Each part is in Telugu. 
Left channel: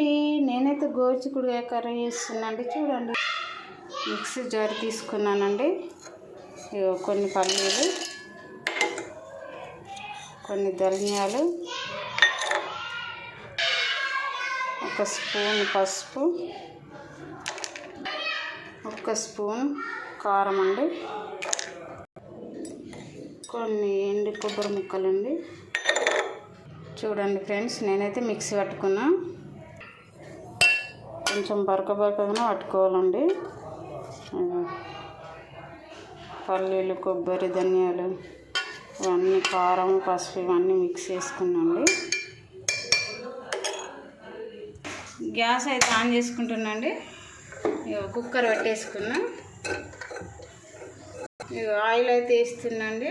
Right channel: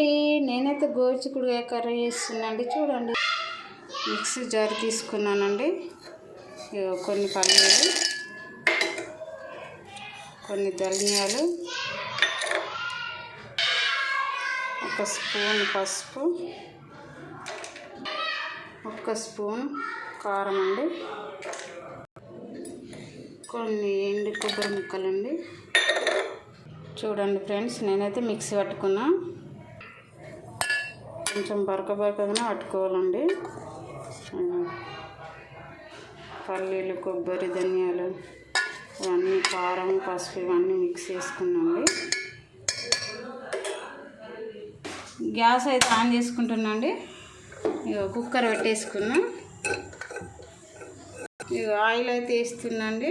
అండి నేనైతే గోరుచిక్కుడుకాయ కర్రీ చేస్తున్నాండి చూడండి. మిక్సీ జార్ తీసుకున్నానండి. ఇగో కొన్ని పల్లీలు కొన్ని ధనియాలు ఒక స్పూన్ పసుపు ఒక స్పూన్ కారం అండి. కొన్ని ఎండు కొబ్బరి ముక్కలండి. చూడండి ఫ్రెండ్స్ నేనైతే మిక్సీ పట్టుకున్నా. కొంచెం బరక బరకగానే పట్టుకోవాలండి. పల్లీలు కొబ్బరి ధనియాలు ఇవన్నీ కారం పసుపు ఇవన్నీ మిక్స్ చేసుకున్నాండి గ్యాస్ అయితే ఆన్ చేసుకుంటున్నాండి ఇక కుక్కర్ పెట్టేసుకున్నా. ఇక ఆయిల్ అయితే వేస్తున్నాండి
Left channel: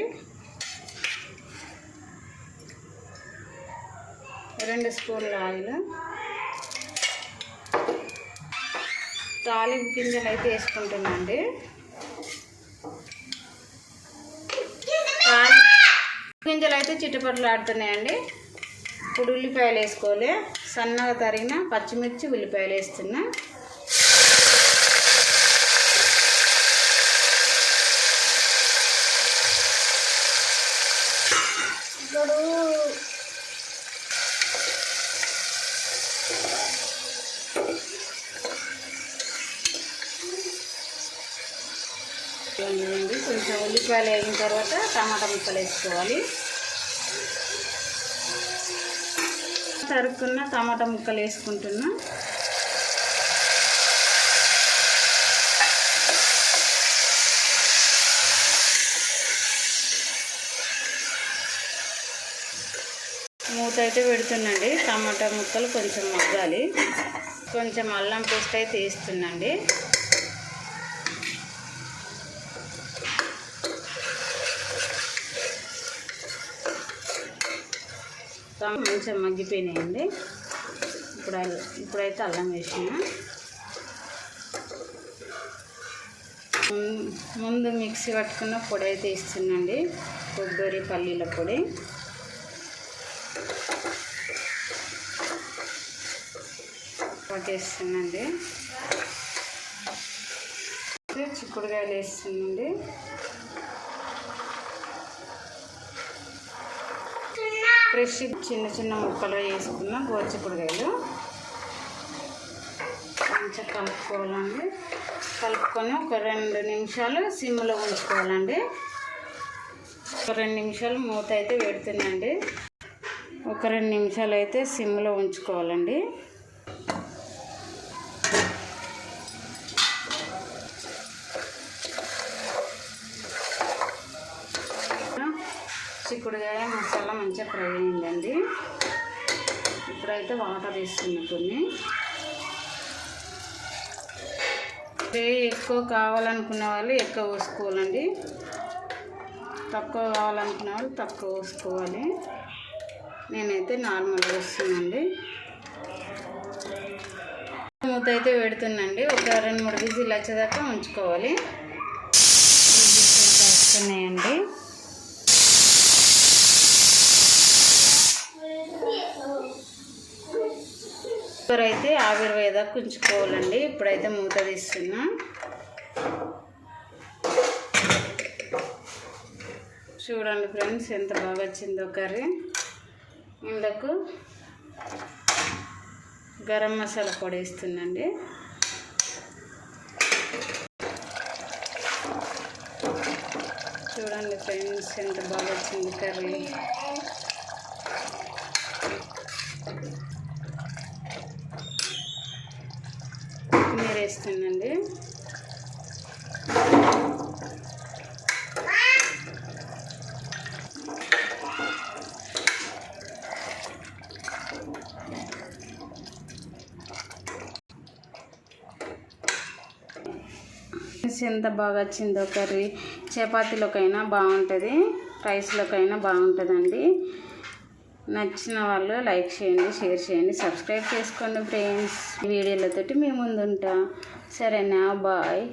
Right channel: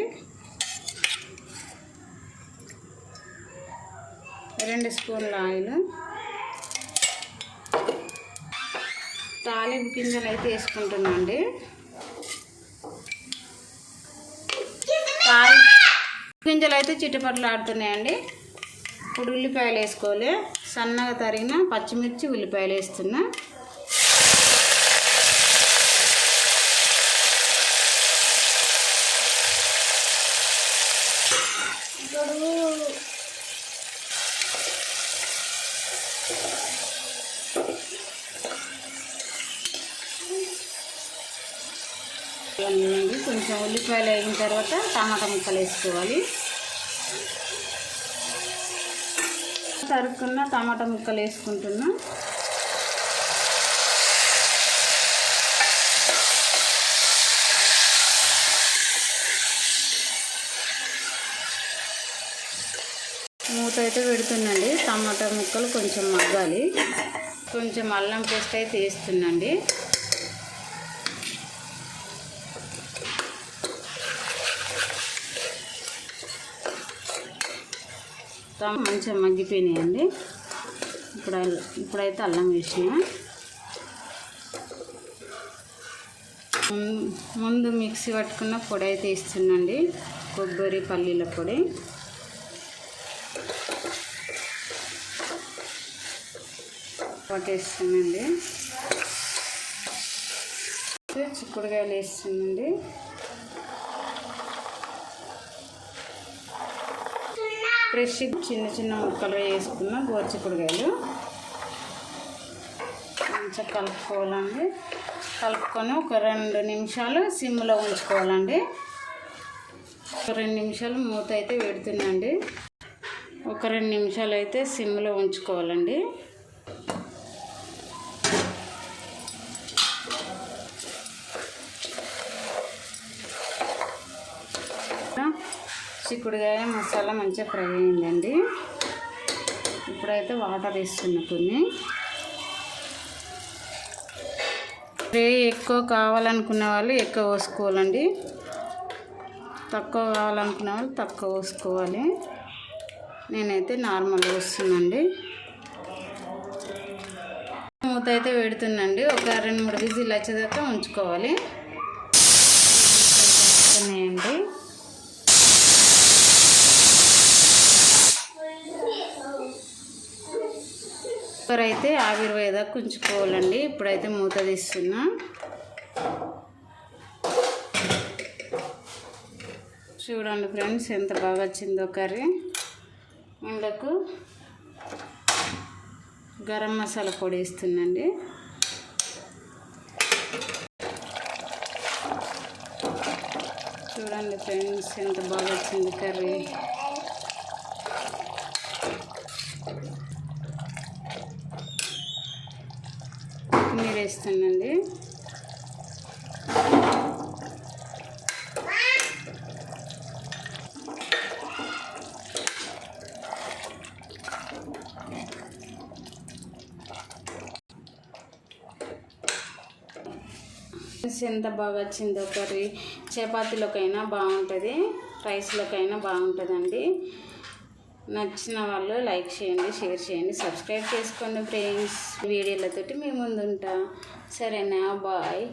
రెండు స్పూన్ల ఆయిల్. తాలింపు గింజలు అయితే వేసుకుంటున్నాండి తాలి గింజలు అయితే చిట్టపట్లు ఆడుతున్నాయండి. ఇప్పుడు ఉల్లిపాయలు వేసుకోవాలి. సన్నగా తరిగిన పచ్చిమిర్చి ఉల్లిపాయలు వేస్తున్నా. ఇప్పుడు ఉల్లిపాయలు అయిన తర్వాత టమాటా ముక్కలు వేసుకోవాలి. తరుక్కున్న టమాటా ముక్కలు వేసుకుంటున్నా. మూత అయితే పెడుతుందండి. టమాటా ముక్కలు కొంచెం మగ్గాలి. కొంచెం అల్లం పేస్ట్ అయితే వేస్తుందండి. మంచిగా మగ్గిపోయినాయండి. ఇప్పుడు ఇప్పుడైతే అల్లం వేసిన. ముందు మిక్సీ పట్టుకున్న పొడి అయితే ఇస్తుందండి కొబ్బరి పల్లీల పొడి. పట్టేస్తుందండి చిక్కుడుకాయలు వేస్తుందండి ఫ్రెష్ చిన్న చిన్న ముక్కలు వేసుకున్న గోచిక్కుడుకాయలు మంచిగా కలుపుకోవాలండి. కలుపుకొని ఒక రెండు నిమిషాలు సిమ్లో ఉంచుకోవాలండి. ఒక రెండు నిమిషాలు మూత అయితే పెడుతుందండి ఒక రెండు నిమిషాలు అయితే సిమ్లో ఉంచుకోవాలండి. చిక్కుడుకాయ మసాలా మంచిగా ఫ్రై అయిందండి. ఇప్పుడైతే వాటర్ వేస్తున్నా కొన్ని. ఫ్రై ఎక్కువ కావాలనుకున్న వాళ్ళు ఎక్కువ పోసుకోవాలండి. తక్కువ కావాలనుకున్న వాళ్ళు తక్కువ పోసుకోవాలి. నేనైతే నార్మల్ వస్తుందండి మూత అయితే పెడుతుందండి. ఒక రెండు మూడు విజిల్ వచ్చేదాకా ఉంచుకోవాలి. వస్తున్నాయండి. కూర అయితే ఆవిరి వేదాకా ఉంచుకోవాలండి ఇప్పుడైతే మూత తీస్తున్నా. చూడండి ఫ్రెండ్స్ ఎంత బాగా వచ్చిందో కర్రీ. ఇందుకు గరం మసాలా పొడి ఇస్తుందండి చూడండి ఫ్రెండ్స్ ఎంత బాగా వచ్చింది కర్రీ. వేస్తానండి ఎంత బాగా వచ్చిందో కర్రీ. చపాతీలోకైనా బాగుంటుంది రైస్లోకైనా బాగుంటుందండి. నచ్చిన వాళ్ళు లైక్ చేయండి షేర్ చేయండి సబ్స్క్రైబ్ చేసుకోండి ఫ్రెండ్స్. వీడియోలతోటి మేము ముందుంటా. సరేనా? బాయ్.